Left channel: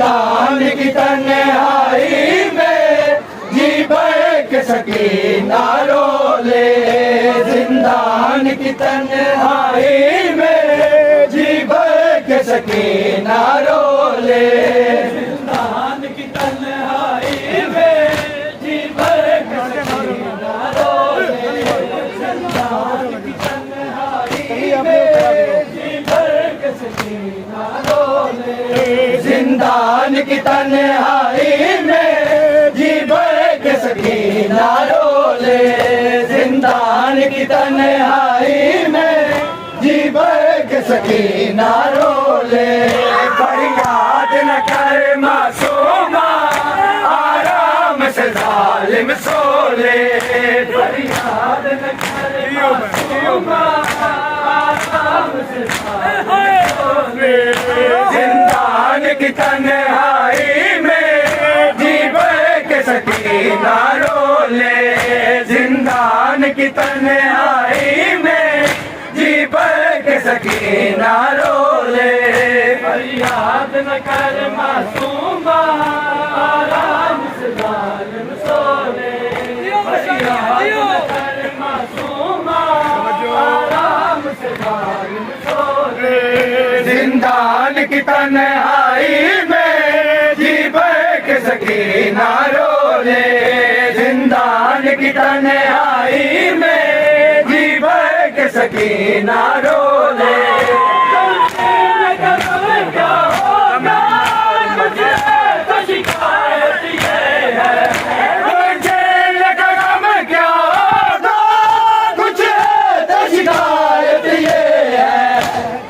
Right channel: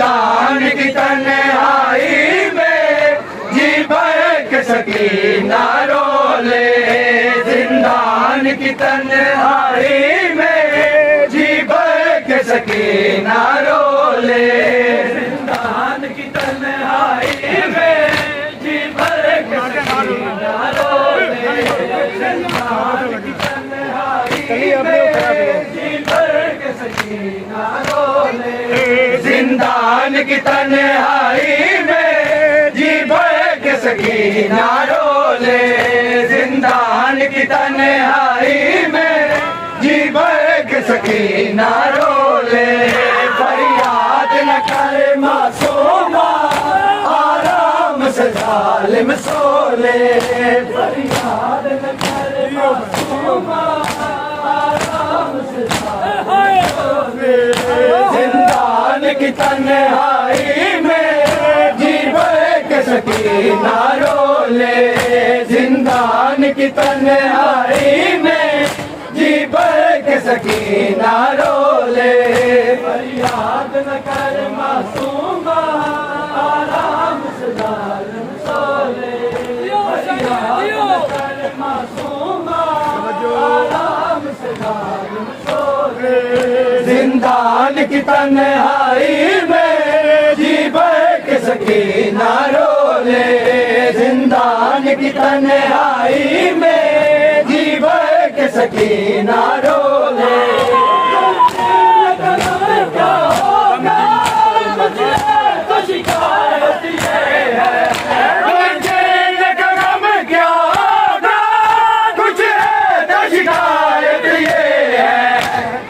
जिंदान की तन्हाई में जी भर के सकीना रोले, जिंदान की तन्हाई में जी भर के सकीना रोले, जिंदान की तन्हाई में जी भर के सकीना रोले, जिंदान की तन्हाई में जी भर के सकीना रोले, जिंदान की तन्हाई में जी भर के सकीना रोले, जिंदान की तन्हाई में जी भर के सकीना रोले, फरियाद न कर मासूमा आराम से जालिम सोले, फरियाद न कर मासूमा आराम से जालिम सोले, जिंदान की तन्हाई में जी भर के सकीना रोले, जिंदान की तन्हाई में जी भर के सकीना रोले, फरियाद न कर मासूमा आराम से जालिम सोले, फरियाद न कर मासूमा आराम से जालिम सोले, जिंदान की तन्हाई में जी भर के सकीना रोले, जिंदान की तन्हाई में जी भर के सकीना रोले, क्या होगा मुझे तो शिकायत ये है, जेल का गम क्या होगा कुछ तो शिकायत ये है,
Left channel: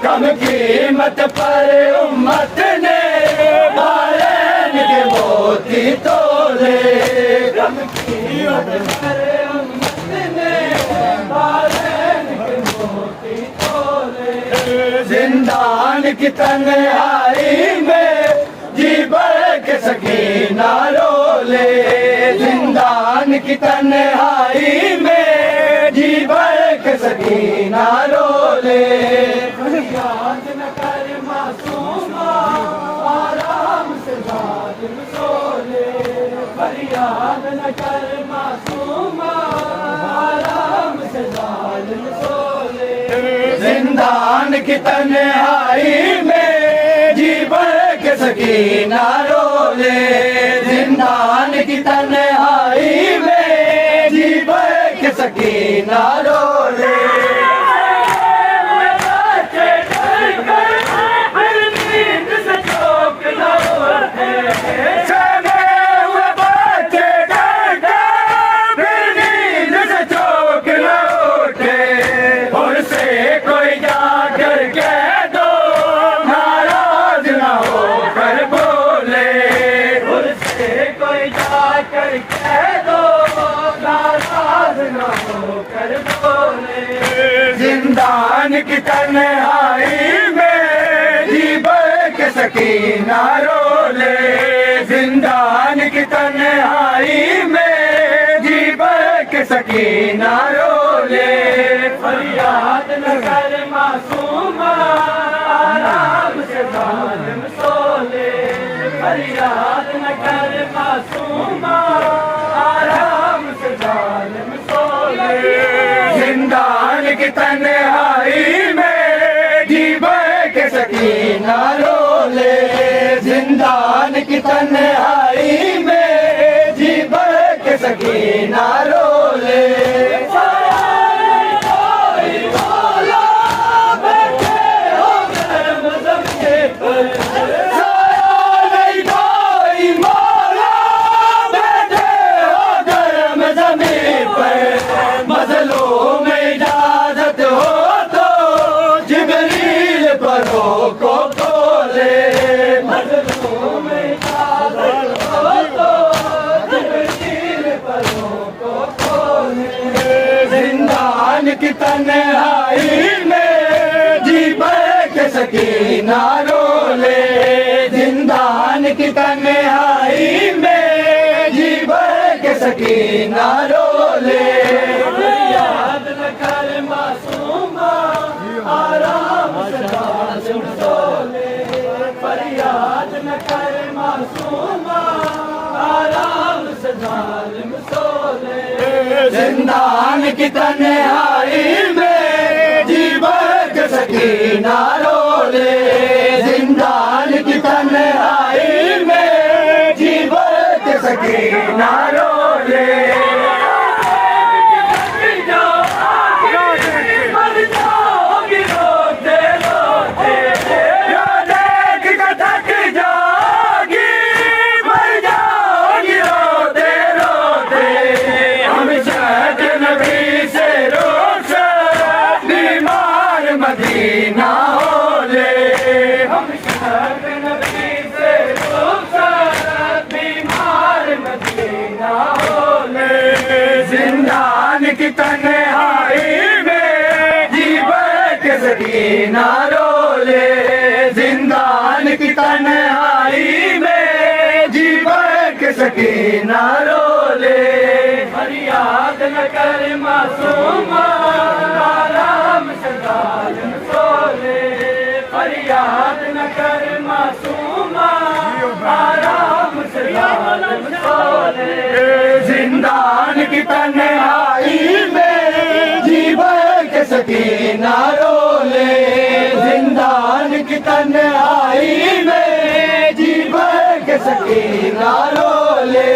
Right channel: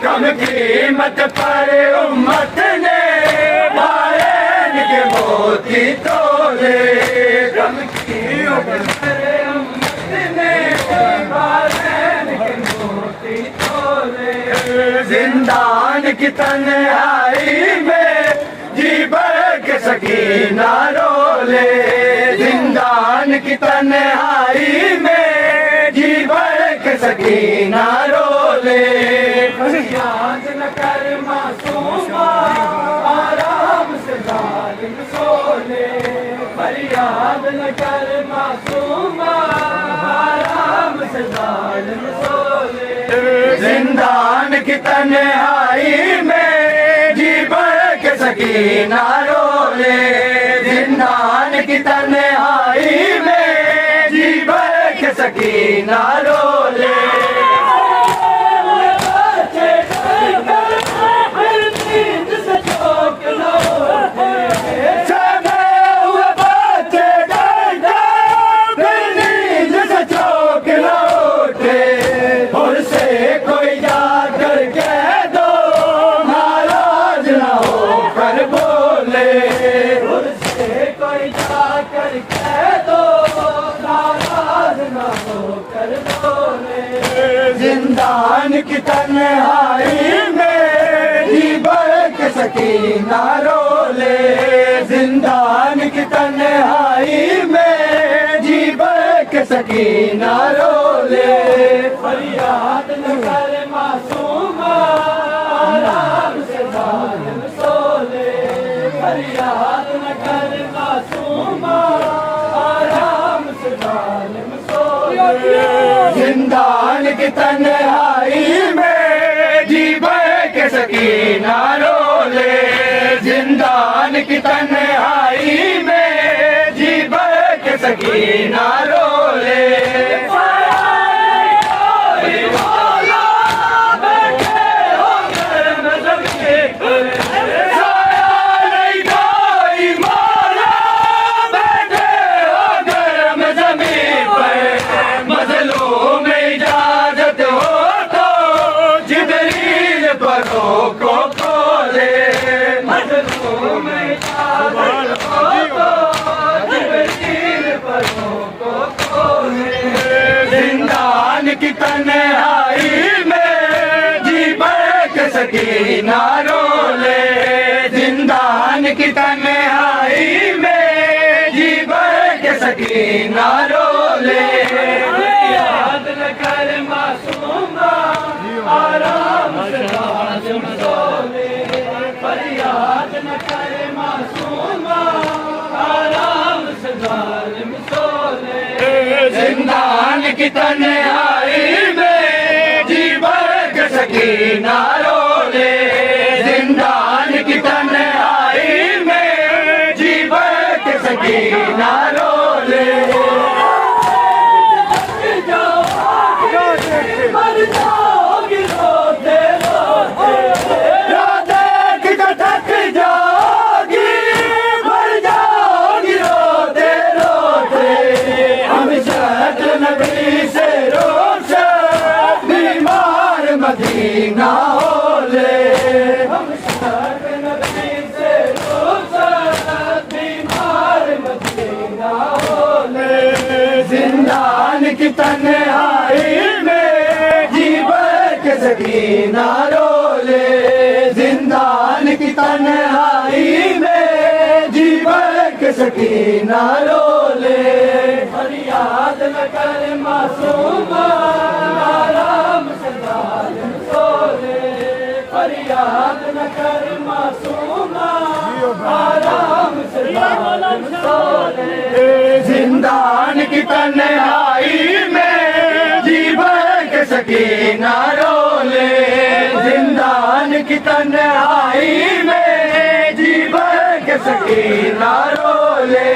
कम कीमत पर उम्मत ने बालन के मोती तोले, कम कीमत पर उम्मत ने बालन के मोती तोले, जिंदान की तन्हाई में जी भर के सकीना रोले, जिंदान की तन्हाई में जी भर के सकीना रोले, फरियाद न कर मासूमा आराम से जालिम सोले, फरियाद न कर मासूमा आराम से जालिम सोले, जिंदान की तन्हाई में जी भर के सकीना रोले, जिंदान की तन्हाई में जी भर के सकीना रोले, नींद से चौक न उठे, जगे हुए बच्चे नींद से चौक न उठे, और से कोई जाकर कह दो नाराज न होकर बोले, और से कोई जाकर कह दो नाराज न होकर बोले, जिंदान की तन्हाई में जी भर के सकीना रोले, जिंदान की तन्हाई में जी भर के सकीना रोले, फरियाद न कर मासूमा आराम से जालिम सोले, फरियाद न कर मासूमा आराम से जालिम सोले, जिंदान की तन्हाई में जी भर के सकीना रोले, जिंदान की तन्हाई में जी भर के सकीना रोले, को खोले, मजलूम इजाजत हो तो जिब्रील परों को खोले, जिंदान की तन्हाई में जी भर के सकीना रोले, जिंदान की तन्हाई में जी भर के सकीना रोले, याद न कर मासूमा आराम से सोले, फरियाद न कर की तन्हाई में जीवन के सकीना रोले, जिंदान की तन्हाई में जीवन के सकीना रोले। मदीना होले हम शहर नबी से रुखसत, बीमार मदीना होले, जिंदान की तन्हाई में जीवन के सकीना रोले, जिंदान की तन्हाई में जीवन के सकीना रोले। फरियाद न कर मासूमा आराम से जालिम सोले, फरियाद न कर मासूमा आराम से जालिम सोले, जिंदान की तन्हाई में जीवन के सकीना रोले, जिंदान की तन्हाई में जीवन के सकीना रोले।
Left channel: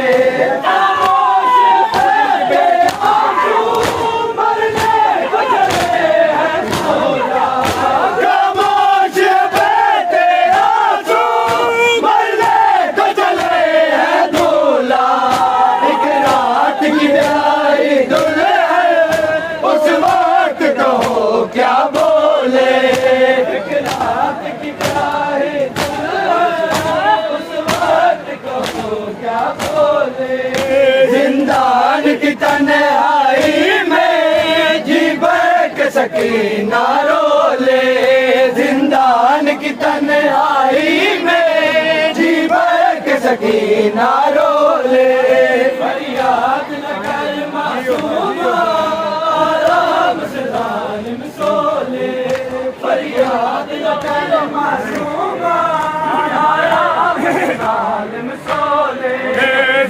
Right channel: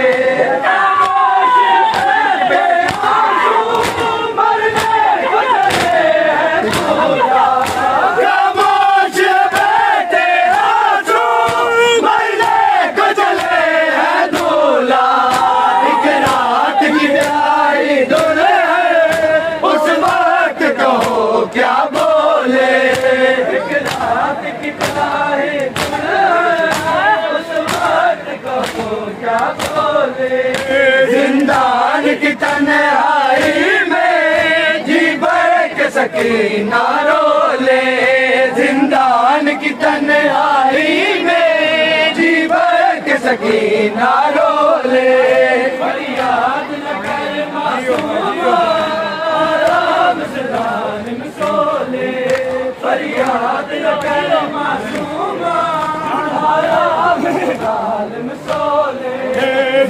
क्या बोले एक रात की प्यारी दुल्हन, उस वक्त कहो क्या बोले, जिंदान की तन्हाई में जीवन के सकीना रोले, जिंदान की तन्हाई में जीवन के सकीना रोले। फरियाद न कर मासूमा आराम से जालिम सोले, फरियाद न कर मासूमा आराम से जालिम सोले,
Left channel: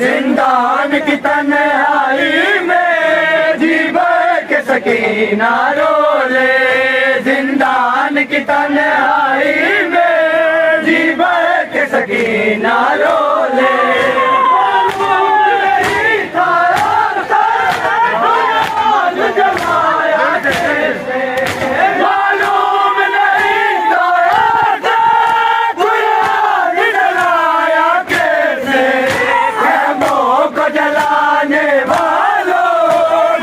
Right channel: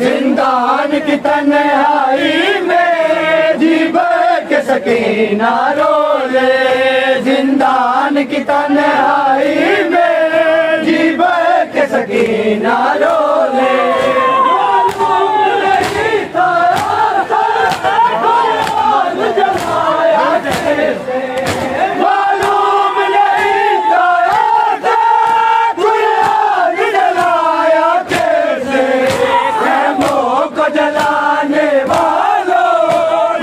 जिंदान की तन्हाई में जीवन के सकीना रोले, जिंदान की तन्हाई में जीवन के सकीना रोले। मालूम नहीं था गुलाम जलाया कैसे, खैमों को जलाने वालों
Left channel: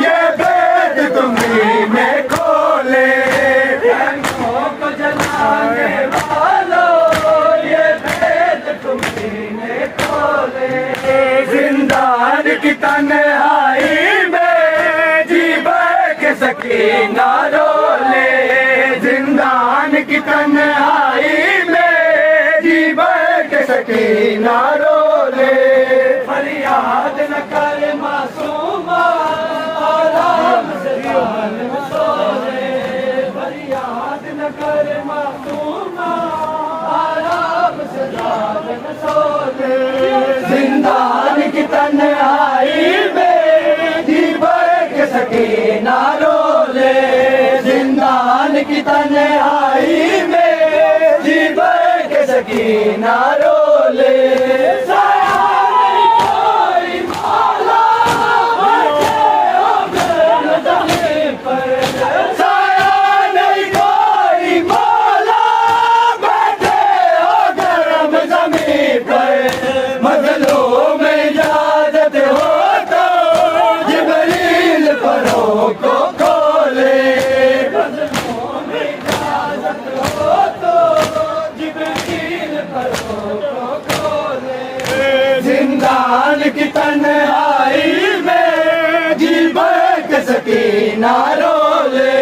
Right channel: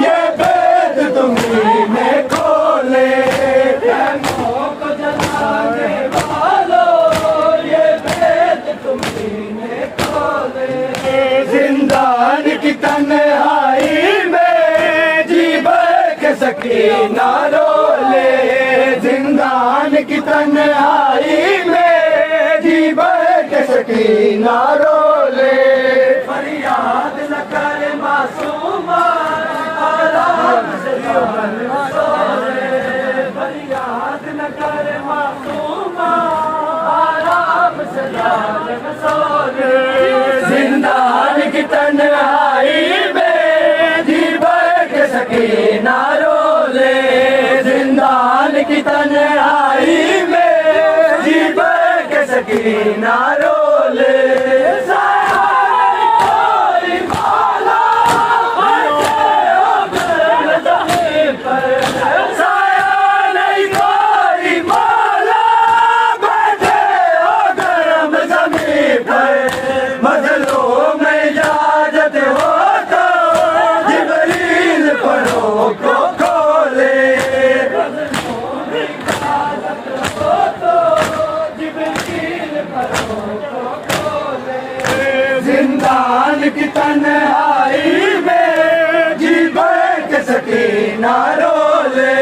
ये भेद तुम्हीं में खोले, खैमों को जलाने वालों ये भेद तुम्हीं में खोले, जिंदान की तन्हाई में सकीना रोले, जिंदान की तन्हाई में जीवन के सकीना रोले। फरियाद न कर मासूमा आराम से जालिम सोले, फरियाद न कर मासूमा आराम से जालिम सोले, जिंदान की तन्हाई में जीवन के सकीना रोले, जिंदान की तन्हाई में जीवन के सकीना रोले। मजलूम इजाजत हो तो जिब्रील परों को खोले, मजलूम इजाजत हो तो जिब्रील परों को खोले, जिंदान की तन्हाई में जीवन के सकीना रोले,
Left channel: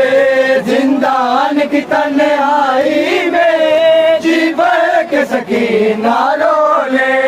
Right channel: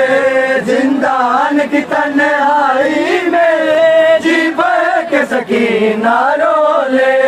जिंदान की तन्हाई में जीवन के सकीना रोले।